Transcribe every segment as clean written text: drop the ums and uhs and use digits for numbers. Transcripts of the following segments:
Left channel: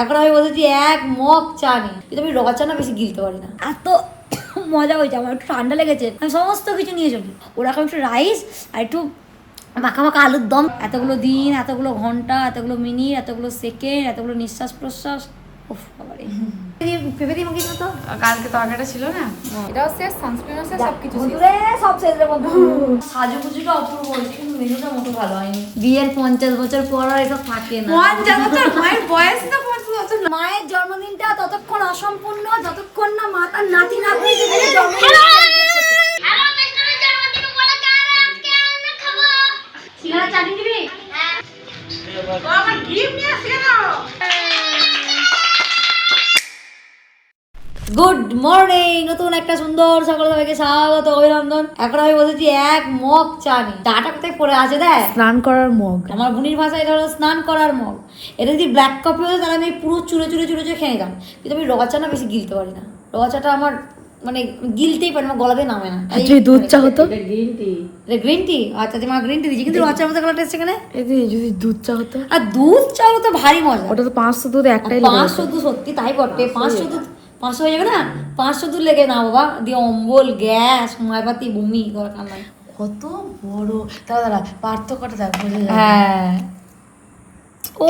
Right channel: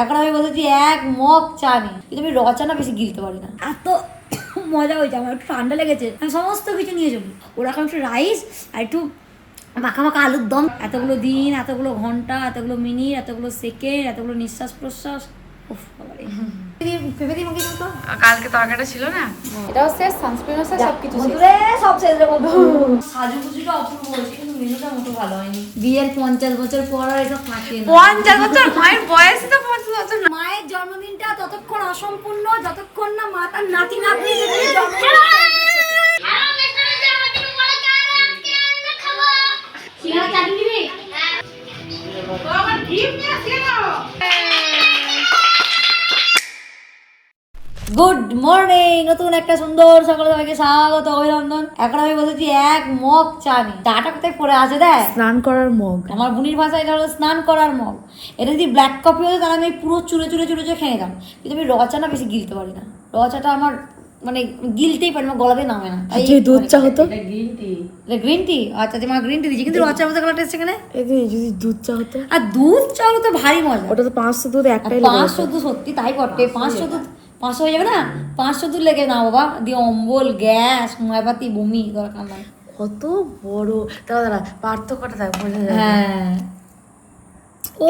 এখন আমি বলছি এক মগ চা নেই, কিন্তু আমি রচা না বেশি গিলতে পারি না। এত মজা হয়েছে, আমার একটু ঠান্ডা লেগেছে, আমি সমস্ত কিছু নিয়ে চলি। ওরা এখন একটু রাইস আর একটু মাখা মাখা আলুর দম। এতগুলো দিন, এতগুলো ঘন্টা, এতগুলো মিনিট, এতগুলো সেকেন্ড, এতগুলো নিঃশ্বাস প্রশ্বাস। ভেবে দিই মাকে তো কালকে তরকারিটা ছিল না, এটাও শেষ, সানস্ক্রিনও শেষ, সবকিছু সব শেষ। সাজুগুজুটা অপূর্ব হয়েছে, কিন্তু মেনুটা মতো ভালো হয়নি। বিয়ের 50 বছর পর আর এসব থাকে না। 50 বছর, মায়ের বয়স তো 50 বছর। মায়ের জন্মদিনটা ততক্ষণ অসম্পূর্ণ যতক্ষণ না মা তার নাতি নাতনিদের জন্মদিন। গুড মর্নিং, নতুন একটা সুন্দর সকাল, সবাইকে স্বাগত, অভিনন্দন। এখন আমি বলছি এক মগ চা নেই। চাটা কোথায় পড়ে আছে দেখ, স্নান করার মগ। আমার বুনির ভাষায় এটা হলো স্নান করার মগ। এটা যদি ব্ল্যাক কফি হতো তাহলে আমি পুরো চুড়ে চুড়ে চুড়ে চুড়ে খেয়ে নিতাম, কিন্তু আমি রচা না বেশি গিলতে পারি না। রচাটা আমার মানে গিলতেই পারি না, গলাতে নামে না। দুধ চা হতো, গ্রিন টি। আচ্ছা তোমার গ্রিন টি দিচ্ছি, কিন্তু রচার মতো কালার টেস্ট এখানে। যদি দুধ চা হতো, আর দুধ চা হতো ভারী মজা। ওটা তো 500 দুধ একটাই। 500 দুধ, সত্যি তাই বটে। 500 দুধ 500 হয়ে যাবে না, 500 দুধ লেগে না বাবা, দিয়ে অম্বল, গ্যাস, মায়পাতি, বমি, দরকার নাই। কত বড় দাদা, পার্থক্যটা দেখ, বোঝা যায়। হ্যাঁ, ও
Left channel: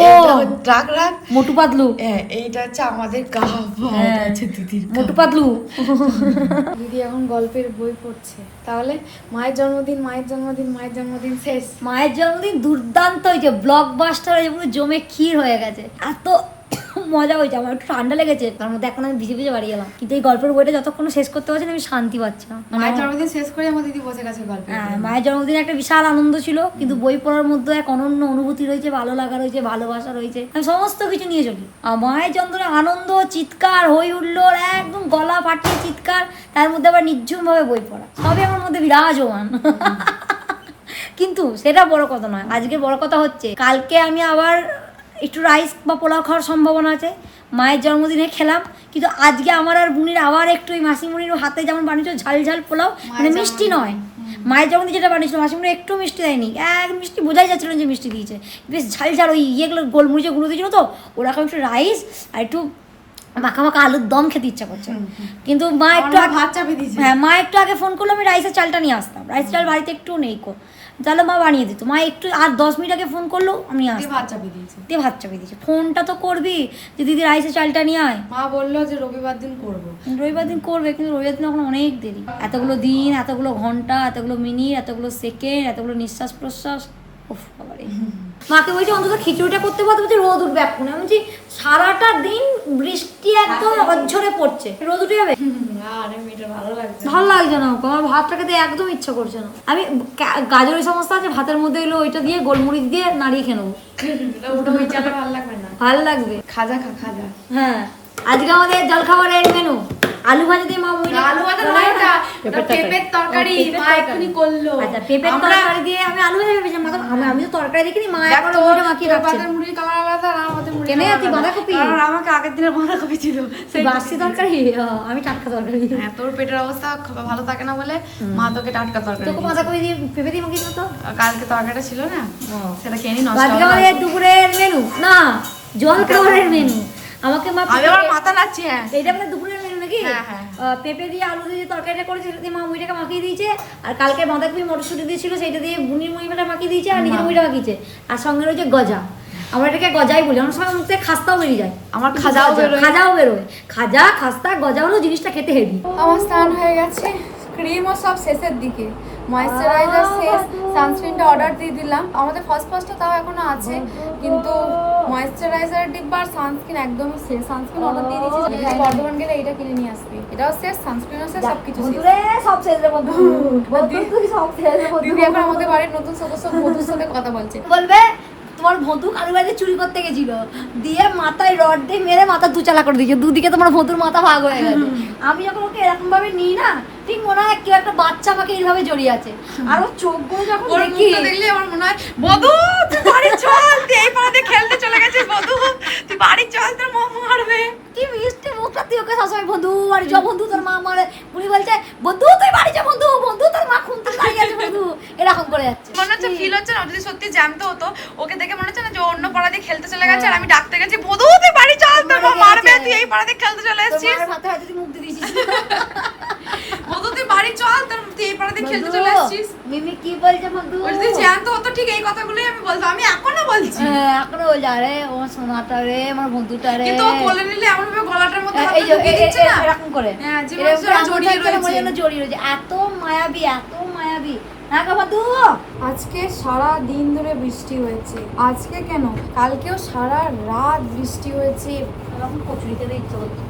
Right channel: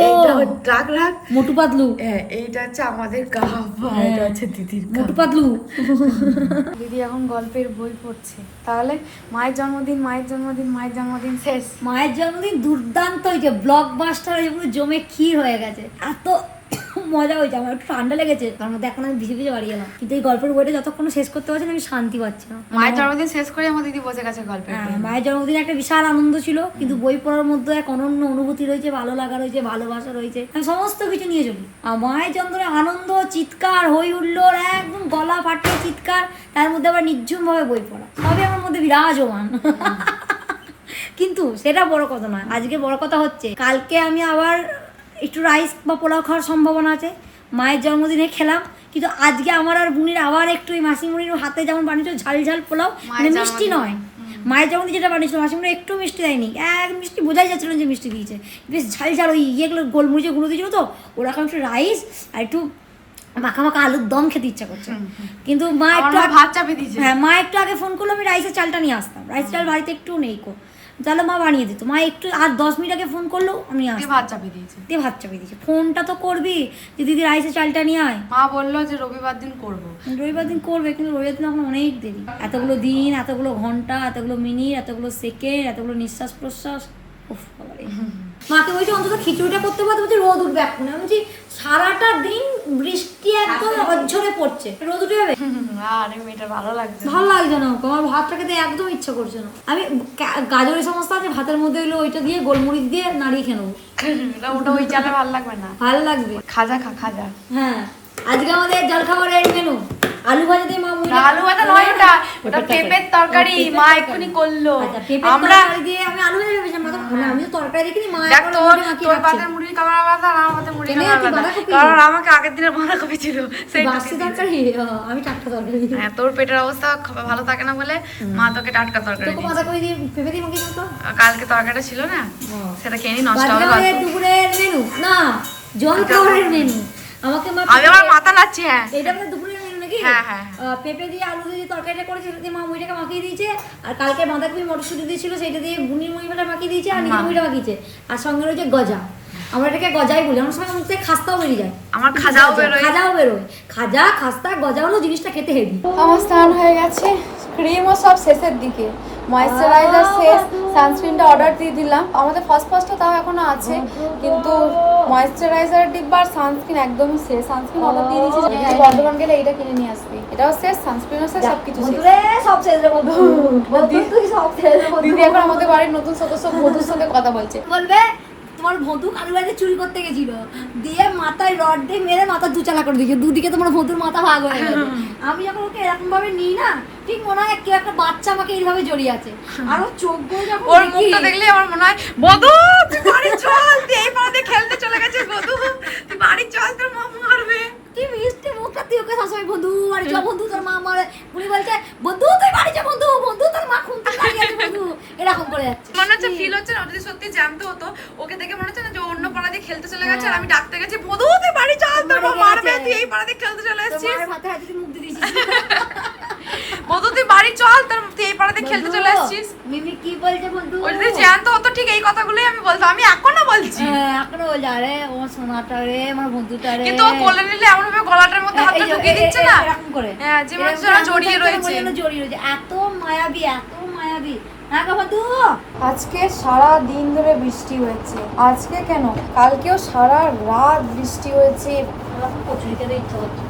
রাগ রাগ মোটু পাতলু। হ্যাঁ, এইটা হচ্ছে আমাদের কাহাবা, এটা হচ্ছে দিদির মোটু পাতলু। দিদি এখন গল্পের বই পড়ছে। তাহলে মায়ের জন্মদিন, মায়ের জন্মদিন, মায়ের জন্মদিন শেষ। মায়ের জন্মদিন দুর্দান্ত হয়েছে, ব্লকবাস্টার হয়েছে, পুরো জমে ক্ষীর হয়ে গেছে। এত মজা হয়েছে, আমার একটু ঠান্ডা লেগেছে, তার মধ্যে এখন আমি ভিজে ভিজে বাড়ি গেলাম, কিন্তু এই গল্পের বইটা যতক্ষণ শেষ করতে পারছি না আমি শান্তি পাচ্ছি না। মায়ের জন্মদিন শেষ করে আমার দিদি বসে গেছে গল্প। হ্যাঁ, মায়ের জন্মদিনে একটা বিশাল আনন্দ ছিল, কিন্তু বই পড়ার মধ্যে এক অনন্য অনুভূতি রয়েছে, ভালো লাগা রয়েছে, ভালোবাসা রয়েছে, আমি সমস্ত কিছু নিয়ে চলি। আর মায়ের জন্মদিনে আনন্দ, চিৎকার, হই হুল্লোড়, একদম গলা ফাটিয়ে চিৎকার, তার মধ্যে আবার নির্ঝুম ভাবে বই পড়া, সবই আমার মধ্যে বিরাজমান। কিন্তু সেটা বড় কথা নয়, আজকে বড় কথা হচ্ছে কালকে আমি আবার একটু রাইস বা পোলাও খাওয়ার সম্ভাবনা আছে। মায়ের জন্মদিনে খেলাম, কিন্তু আজকে আমার আর বুনির আবার একটু ওই মাসিমণির হাতে যেমন বানিয়েছিল ঝাল ঝাল পোলাও, মানে মিষ্টি নয়, মায়ের জন্মদিন যেটা বানিয়েছিল মাসিমণি একটু মিষ্টি দেয়নি, এক মিষ্টি বোঝাই যাচ্ছিল যে মিষ্টি দিয়েছে, বেশ ঝাল ঝাল ওই ইয়েগুলো গোলমরিচের গুঁড়ো দিয়েছিল, তো ওরকম একটু রাইস আর একটু মাখা মাখা আলুর দম খেতে ইচ্ছা করছে। কিন্তু মা একটু ভাত চাপিয়ে দিয়েছে। হ্যাঁ, মা একটু আগে ফোন করলো, আমি রাইসের চালটা নিয়ে আসতাম, রাইস চাল বাড়িতে একটু নেই কো, তাহলে মা বানিয়ে দিত। মা একটু আর 10 মিনিট আগে ফোন করলো, আমি আসতাম, ভাত চাপিয়ে দিয়েছে, দিয়ে ভাত চাপিয়ে দিয়েছে। ফোনটা তো করবি যে দিদি রাইসের চালটা নিয়ে আয়। মা বললো যে রবিবার দিন করবো। রবিবার দিন করবে, কিন্তু রবিবার দিন এখন অনেক দেরি। এতগুলো দিন, এতগুলো ঘন্টা, এতগুলো মিনিট, এতগুলো সেকেন্ড, এতগুলো নিঃশ্বাস প্রশ্বাস। উফ বাবারে। মাকে বলছি অন্তত খিচুড়িটা করতে পারতে, বলছি রোদ উঠবে এখন। আমি বলছি সারাটা দিন বৃষ্টি একদম অঝরে পড়ছে, রোদ উঠে যাবে? আরে মেয়েটা ভালো লাগছে, ভালো লাগছে না, আমার ভাতটা খেতে একদম ইচ্ছা করছে না। আমি গাজরের সমস্যা আছে, ভাতের মধ্যে হলো ওইটা দিয়ে গোলমরিচ দিয়ে নাড়িয়ে খেয়ে নেবো। ওটা ওই চাটা ভালো লাগবে না, ভালো লাগবে। খাজা খাজা। হ্যাঁ, আজকে আমাদের জলখাবারের মেনু আলু ভাজা দিয়ে মা আলু ভাজা নয়, ওটা পেঁপের তরকারি মা এক্ষুনি করলো। আচ্ছা, পেঁপের তরকারি দিয়ে আমি আলু ভাজা ভেবেছিলাম, আমি তো তরকারি দেখিনি, মা এখন মুড়ি মাখিয়ে রাখছে। তোর মুড়ি কামার আলাদা, আর আমার মুড়ি কেনে কামার তুই আলাদা, বাঁধাকপি? কারণ আমাকে আগের দিনের বাঁধাকপি ছিল, সেই বাসি তরকারি, আমি টাটকা তরকারি। হ্যাঁ, তোর পেটের অবস্থা ভালো থাকে না বলে মা তোকে টাটকা তরকারি তোকে বাঁধাকপি দিয়ে পেঁপে দিয়ে মাখিয়ে দিত। কালকে তরকারিটা ছিল না, সেটা খেয়ে নষ্ট আজকে হলো। আমাদের দুপুরের মেনু না, জলখাবারের মেনু। আমাকে মা আমি আমার মাথা নাচছি। হ্যাঁ, এইটা আমাদের দুপুরের মেনু নাকি? হ্যাঁ হ্যাঁ, পেঁপে দিয়ে আলু দিয়ে তরকারিটা করেছে, সেটা দিয়ে মা মুড়িটাকে মাখিয়ে দিয়েছে। আর কালকে বাঁধাকপি মটরশুঁটি দিয়েছিল, সেইটা দিয়ে বুনির মুড়িটা মাখিয়ে দিয়েছে, আর নিজের মুড়িটা মাখিয়েছে। আর সঙ্গে রয়েছে গজা, আমরা এটাকে গজাই বলি, আমার সঙ্গে মুখ থেকে খাস্তাও বেরিয়ে যায়। আমার খাজাও বেরোয়। খাজা, খাস্তা, গজা হলো জিনিসটা খেতে হেভি। আমার স্নান হয়ে গেছে, ক্রিমও সব শেষের দিকে, ময়েশ্চারাইজার শেষ, সানস্ক্রিনটা অর্ডার দিয়ে দিলাম। আমাদের ফার্স্টটা তাও এখনো আছে, কিন্তু ময়েশ্চারাইজার ডিব্বা আর সানস্ক্রিন একদমই শেষ। সানস্ক্রিন অর্ডার দিয়ে দিয়েছি, বর্ধমান গেলে এইটা কিনে নিয়ে আসবি। এটাও শেষ, সানস্ক্রিনও শেষ, সবকিছু শেষ। দিদি এখন আমাদের বাড়ির নতুন সদস্য বধুর সাথে কথা বলছে, বলবে তোমার বন্ধু কারুর বাড়িতে চুরি করতে গেছিল, দিয়ে মাথায় রড দিয়ে মেরে মাথা দুচালা করে দিয়েছে, দুদিকে তোমার বন্ধুর মাথা ভাগ হয়ে গেছে। আমি যখন ওকে এরকম ভাবে নিই না, ঠিক মনে হয় কেউ একটা বাচ্চা আমাকে এইভাবে জড়িয়ে আছে। আর ও চোখগুলো যখন ওর মুখটা দেখলে আমার মনে হয় বধু তুই বাড়ি চল, তুই এই পাড়াতে খেলতে চলে গেছিস, বধু তুই বাড়ি চল, তোর মা মারবে। কি মিষ্টি মুখটা, তুই ওকে সবসময় বন্ধু বাড়ি চ, বন্ধু তোর মা মারে। উনি বলছে বন্ধু তুই বাড়ি চ, বন্ধু বন্ধু তোর মা খুঁজতে দাঁড়িয়ে আছে, বন্ধু এরকম করে যাচ্ছে। মনে হচ্ছে ফিল হচ্ছে না, যদি সত্যি জানতে হতো ওকে দেখে মনে হচ্ছে না যে অন্য পাড়া দিয়ে খেলতে চলে গেছে, আর আমি ডাকতে গেছি বধু তুই বাড়ি চল, পাড়াতে খেলতে চলে এসেছিস? মায়ের হাতে হাতে মুখ দিয়ে দিয়েছিস। বধু তুই বাড়ি চল, তুই এই পাড়াতে খেলতে চলে এসেছিস। মিমি কি বলছে বন্ধু? বলছি জ্যান্ত হতো ঠিক এই কথাগুলোই আমি বলতাম, আমি এখনো বলছি। এখনো বলছে আরে আমার সোনাটা রে, আমার বন্ধুটা রে। কিন্তু ও কোলে নিলে এমন ভাবে গলাটার মধ্যে হাতটা ঢুকিয়ে দিচ্ছে না এরকম করে, হ্যাঁ জীবন জোড়া জড়িয়ে রয়েছে। জড়িয়ে রয়েছে, এত মায়াবী, এত মায়াবী। হ্যাঁ গো বন্ধু, আজকে সারা দিন ধরে বৃষ্টি হয়েছে। আজকে কেন, কালকেও সারা রাত বৃষ্টি হয়েছে।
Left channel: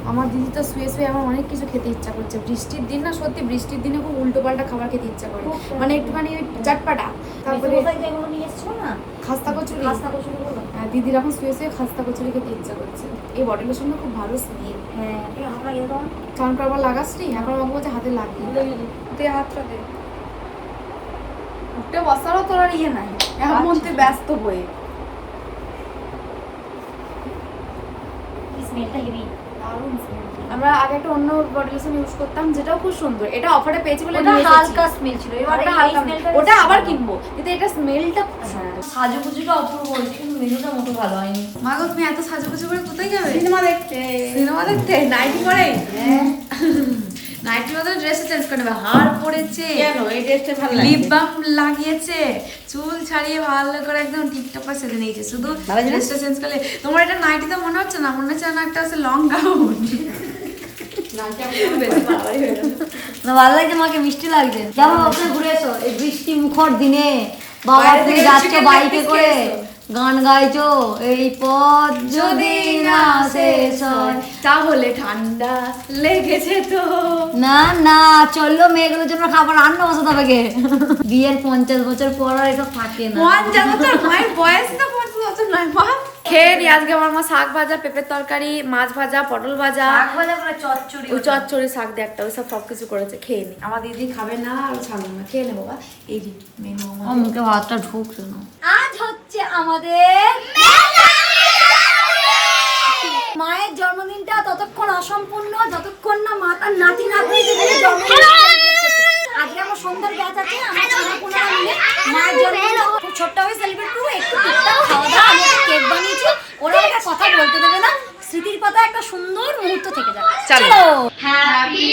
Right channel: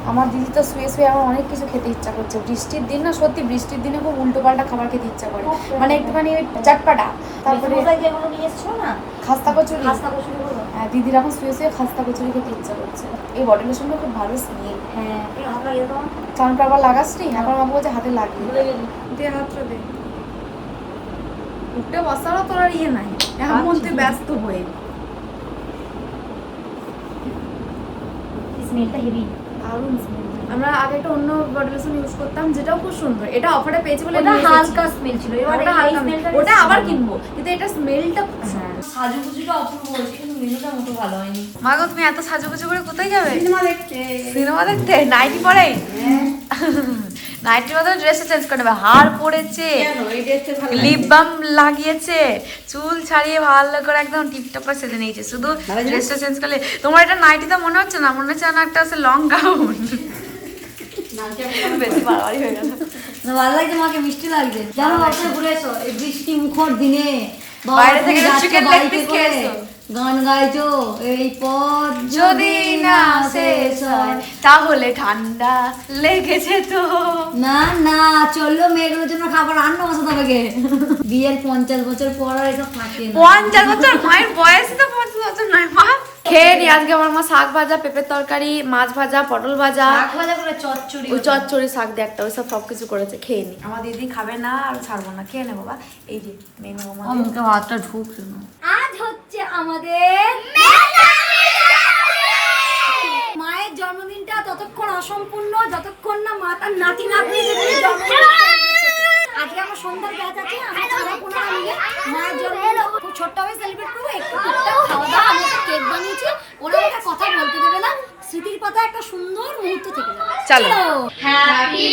আমার দিদি তো শুয়ে শুয়ে আমার অনেক কিছু খেতে ইচ্ছা করছে। বৃষ্টির দিন না, সত্যি বৃষ্টির দিনে খুব উল্টো পাল্টা খাবার খেতে ইচ্ছা করে, মানে একটুখানি ওই চটপাটা। তারপরে খাস্তা কচুরি, হ্যাঁ দিদির এখন শুয়ে শুয়ে খাস্তা কচুরি খেতে ইচ্ছা করছে। এই বডি লোশনটা খুব ভালো স্মেল। হ্যাঁ কারণ আবার লাগাস নি, এখন আমার বলছে হাতে লাগিয়ে দে, হাতটা দে। উঠে বসারও তোর আর ইয়ে নাই, এখন মধ্যে ব্যস্ত হয়ে। স্মেলটা হেভি, দারুণ স্মেল। আমরা আগে একটা অন্য বডি লোশন ইউজ করতাম, যেটাও খুব সুন্দর। এটা অফারে পেয়েছি বলে ওটা নিয়ে হালকা এসেছি। স্মেল ছিল, এবার ওটা এই হালকা, স্মেলটা ওটা আবার কিনবো, কিন্তু এটা স্মেলটা খুব সুন্দর। সাজুগুজুটা অপূর্ব হয়েছে, কিন্তু মেনুটা মতো ভালো হয়নি। মা গো তুমি এত সাজুগুজু করে কোথায় যাবে? সিনেমা দেখতে। সিনেমা দেখতে? নাইটি পরে? নাইটির মধ্যে ড্রেসে চেঞ্জ করে নেবে। হার পরেছে, কেন এই ড্রেসটা ভালো লাগে? লিপ বাম লাগিয়েছে, চুল ছাড়িয়ে ভালো করে একদম টিপটপ করে সেজে নিয়েছে। শুধু ড্রেসটা চেঞ্জ করলে। তোমার এটা নাইটিটা মনে হচ্ছে না, মনে হচ্ছে না একটা আছে লং গাউন। বেশি বাড়াবাড়ি হয়ে গেছে। না ভালো লাগছে, মাকে মিষ্টি লাগছে। জানো আপনি ঘুরে এসো এই বৃষ্টি মুখর দিনে, বাবা বাইরে থেকে তুমি যাচ্ছ chicken leg বাইকে piece করে, খেয়েছো? গান গাইছো, এই পথ যদি না শেষ হয়। তাহলে ঠান্ডা লেগেছে তো। না না চললো, মেয়েগুলোর জন্য খাবার রান্না বসাতে হবে গে। বিয়ের 50 বছর পর আর এসব থাকে না। 50 বছর? মায়ের বয়স তো 50 বছর নয় মা। খেয়ে নি। আজকে আমার মা শাক ভাজা, পেঁপের তরকারি, মাছ ভাজা, পটল ভাজা, শাক ভাজা করে চচ্চড়ি, ওই চচ্চড়ি শাক দিয়ে একটা, ওইসব সবকিছু করেছে। খেয়ে নি। আমার দিদি খাবে না, আর ছাড়বো না, খেয়ে নেবো। বাবা এই যে মেনু ও আমার। মুখে ভাতটা ঢুকছে না। আজ হচ্ছে আমাদের মায়ের জন্মদিনটা ততক্ষণ অসম্পূর্ণ যতক্ষণ না মা তার নাতি নাতনিদের নিয়ে জন্মদিন celebrate করছে। আজকে আমার সন্ধ্যার ব্যাচ আছে, আমার ছেলে পুনরা মিলে মায়ের জন্মদিন খুব ছোট্টভাবে সেলিব্রেট করবো। একটু টুকটাক খাওয়া দাওয়া, আমি একটা কেক বানিয়েছি, ওরা একটা কথা বলতে দেবে না, স্মৃতির পাতা একটা সুন্দর মুহূর্ত থেকে যাবে। চলো। হ্যাপি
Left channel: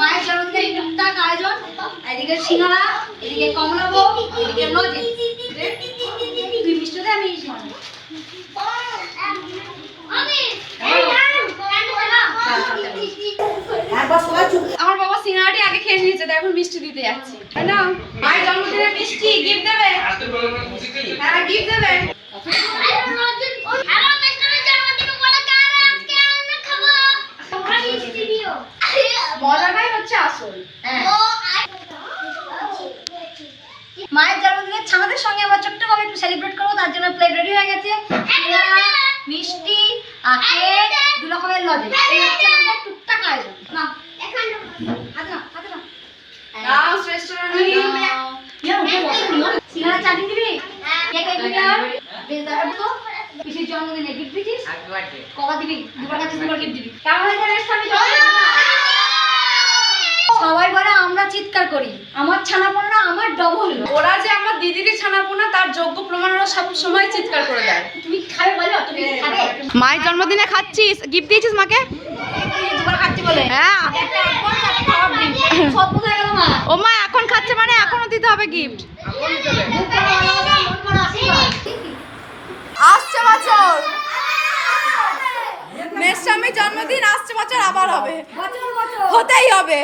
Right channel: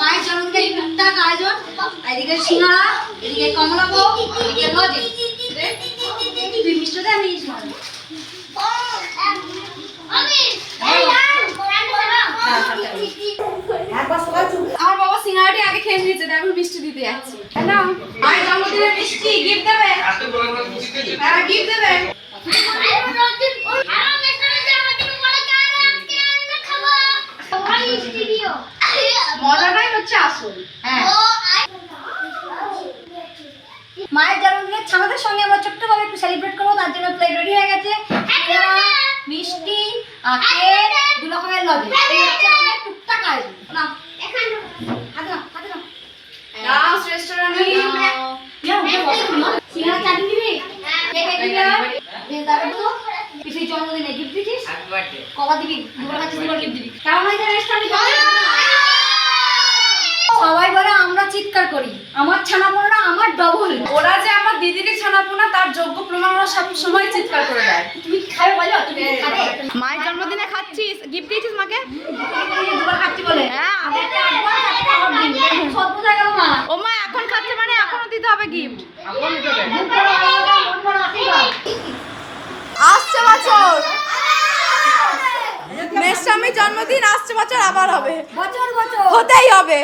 মায়ের জন্মদিনের টুকটাক আয়োজন, এদিকে সিঙ্গারা, এদিকে কমলাভোগ, এদিকে লজে। তুই মিষ্টি দে, আমি আমার বাবা সিঙ্গারাটি আগে খেয়ে নিয়েছে, এখন মিষ্টি দিতে যাচ্ছি। হ্যালো, মায়ের জন্মদিনের মিষ্টি গিফট দেবে? হ্যাঁ গিফট দেবে। মজাটাই হচ্ছে আসল। হ্যাঁ। মায়ের জন্মদিনের ছানাদের সঙ্গে আমরা ছোট্টভাবে একটু সেলিব্রেট করবো, তার জন্য প্লেট রেডি হয়ে গেছে। সিঙ্গারা, মিষ্টি আর কেক, 2 রকমের লজে। এই হচ্ছে আমাদের টুকটাক আয়োজন। নাও হাতে নাও, হাতে নাও। রাউস রেস্টুরেন্ট সিঙ্গারা চাটনি দিবি, কেক দিবি, বেশ দাঁড়াবো তো। পিসির জন্মদিনে গিফট দিছিস, কবা দিবি? 2বার কাছে 2বার গিফট দিবি। কেমন হয়েছে রেস্টুরেন্টে? সবাই বলে আমরা চিৎকার করি, আমার ছানাপোনা আমার ডবল। ওরা যে আমার দিদিকে ছানাপোনা তার যোগ্য প্রমাণ, ওরা সব সময় চিৎকার করে দেয়। তুমি খাবে বলো, তুমি খাবে? মায়ের জন্মদিনে খাচ্ছিস, গিফট দিয়েছিস মাকে? 2বার খাচ্ছি বলে হ্যাঁ। খাবার দিন সব বোঝা গেল মা। ও মা এখন খাচ্ছে মানে এখনো দিতে হবে গিফট। আসছে বছর মেশামি জন্মদিন, আসছে বছর আবার হবে, বছর বছর হতেই হবে।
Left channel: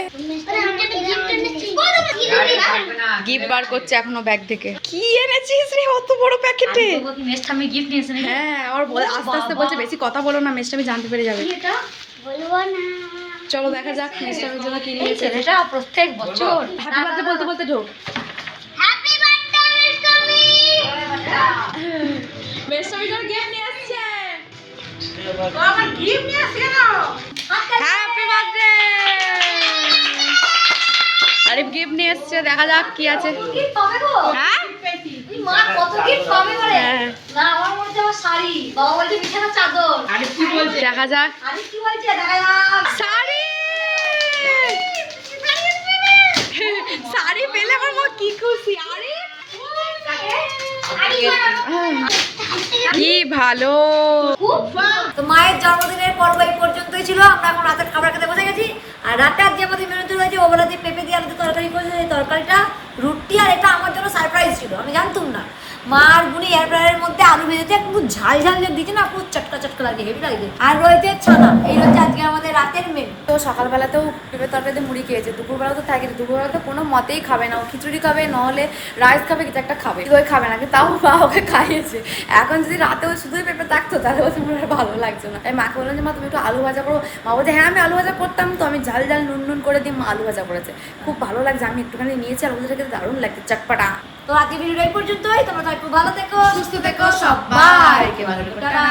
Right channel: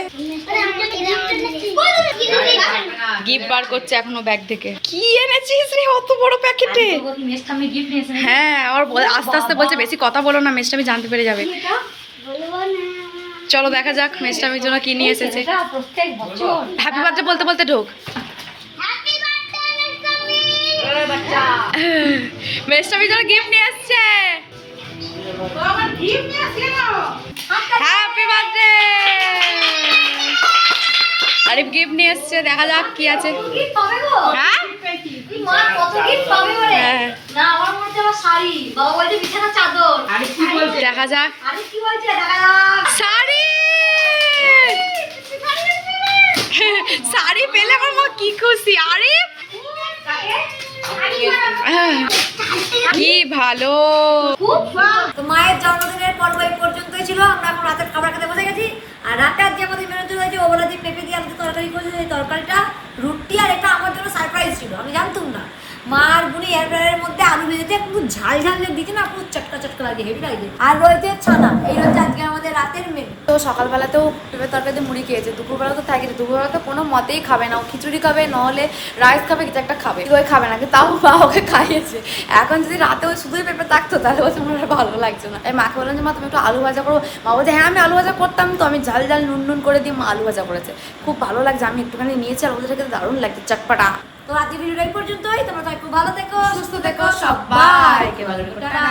গিফট বার করছে এখনো ব্যাগ থেকে। কি এনেছিস রে অত বড় প্যাকেটে? আমি গিফট নিয়েছি। হ্যাঁ আর আস্তে আস্তে বলছে বেশি কথা বলো না, মেশামি জানতে পেরে যাবে। চলো দেখা যাক মেশামির জন্য কি নিয়ে এসেছে। এটা প্রত্যেক বছর হ্যাপি বার্থডে বলতে বলতে ঢোক। মেশামির জন্য গিফট নিয়ে আসছে। Happy birthday. আরে গিফট নিয়ে এসছে, দেখা যাক কি আছে। কি হবে গো? হ্যাঁ মা কত গিফট পাবে ওরে হ্যাঁ। না আমার মধ্যে আমার শাড়ি বাবা বলছে বিছানা চাদর আরে কি বলছে? দেখা যাক আরে কি বলছে দেখা যাক শাড়ি শাড়ি পেলে আমার মা কি খুশি। আরে কি ভালো। তো মায়ের জন্মদিনের পর্ব এই পর্যন্তই ছিল। আমরা এখন রাতের খাবার খেতে বসে গেছি। আর রাতে আজকে আমাদের মেনুতে রয়েছে ওবেলা যে পেঁপে দিয়ে আলুতে তরকারি করেছে, এই তরকারিটা রুটি, আর এটা আমার জন্য সারপ্রাইজ ছিল, আমি জানতাম না। মা আর বুনি এয়ার ফ্রায়ারের মধ্যে আলু ভেজেছে, একটু ঝাল ঝাল যে দিয়েছে না, পুরো চটকা চটকা লাগে, হেভি লাগে। আর রয়েছে ছানা, এই হচ্ছে আজকে আমাদের রাতের মেনু। তো সকালবেলাতেও পেঁপে তরকারিতে মুড়ি খেয়েছে, দুপুরবেলা তো থাকে, দুপুরবেলা তো কোনো মতেই খাবে না, ও খিচুড়ি খাবে, নাহলে রাইস খাবে, কিছু একটা খাবে, কিন্তু ওই খাবে না, কিন্তু তাও মা ওকে খাইয়েছে। এখন যদি রাতে ওই শুধুই পেঁপে থাকতো তাহলে ওটা আমার আর ভালো লাগছে না। তাই মাকে বললাম যে মা তুমি একটু আলু ভাজা করো, মা বলছে হ্যাঁ আমি আলু ভাজা করতাম, তো আমি ঝাল ঝাল নুন নুন করে দিই, মা আলু ভাজা করেছে, খুব ভালো লাগছে, আমি একটুখানি নিয়েছি আর ওদের খেতে দারুণ লাগছে, চটপাটা। তো আজকে ভিডিওটা এই পর্যন্তই। তোমরা সবাই খুব ভালো থেকো, সুস্থ থেকো, সবাইকে ভালো থেকো, টাটা।